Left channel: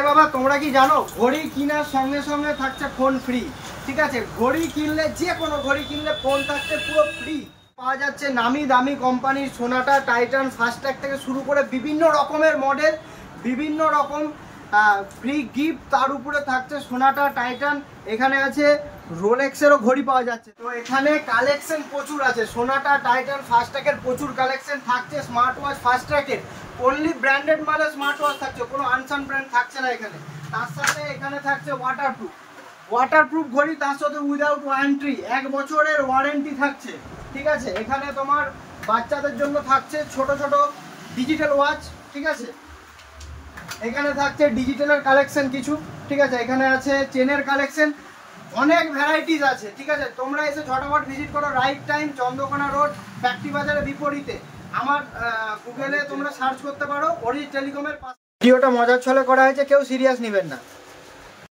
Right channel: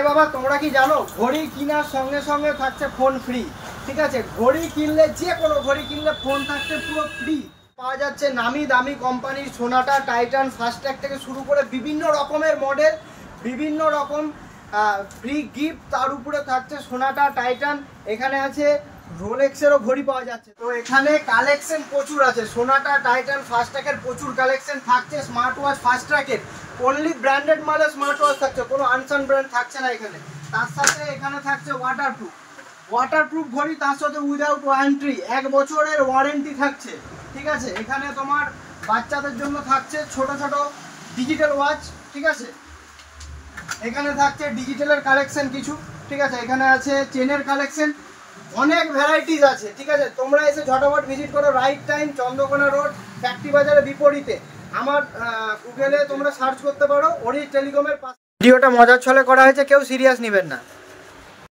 আরে বাবা তোমরা কি জানো ঘড়ি কেনার সঙ্গে সঙ্গে থাকছে ফোন ফ্রি। ঠিক আছে, ঘড়ি কিনলে যে কোনো ঘড়ি কিনলে ফোন থাকছে পুরো ফ্রি। পাওয়া যাচ্ছে নামি দামি কোম্পানির সোনাটা, টাইটান, ফাস্ট্র্যাক থেকে শুরু করে বিভিন্ন রকমের মডেল, বিভিন্ন রকম ফ্রি গিফট। তার উপরে থাকছে সোনাটা, টাইটান। এখানে আছে রোলেক্সেরও ঘড়ি পাওয়া যাচ্ছে। তো এখানে কালেকশন প্রচুর আছে, সোনাটা, টাইটান, ফাস্ট্র্যাকের প্রচুর কালেকশন থাকছে। স্মার্ট ওয়াচ ফাস্ট্র্যাকের অনলি ব্র্যান্ডেড মালে স্মার্ট ওয়াচ থাকছে, কোনো আনসান ব্র্যান্ড থাকছে না এখানে। তার সাথে এখানে থাকছে ওয়াটারপ্রুফ ঘড়ি, তার সাথে উইদাউট ওয়ারেন্টি, 1 বছরের ওয়ারেন্টি থাকছে। ঠিক আছে, এখানে তোমার বাচ্চাদের জন্য থাকছে ছোট ছোট ডিজিটাল ওয়াচ। ঠিক আছে, এখানে থাকছে ডিজিটালের কালেকশন কিছু। ঠিক আছে, এখানে আছে চেনের কালেকশন, অনেক ভ্যারাইটিস আছে। ঠিক আছে, তোমরা এসে ঝটাফট ভিজিট করো। Right time, Chandrakona road, factory বাজারের বিপরীতে। আমার গুগলে তোমরা সার্চ করতে পারো অরিজ টেলিকমের পাশে। ভিডিওটা মজার ছলে করা হয়েছে, কেউ সিরিয়াস নেবেন না।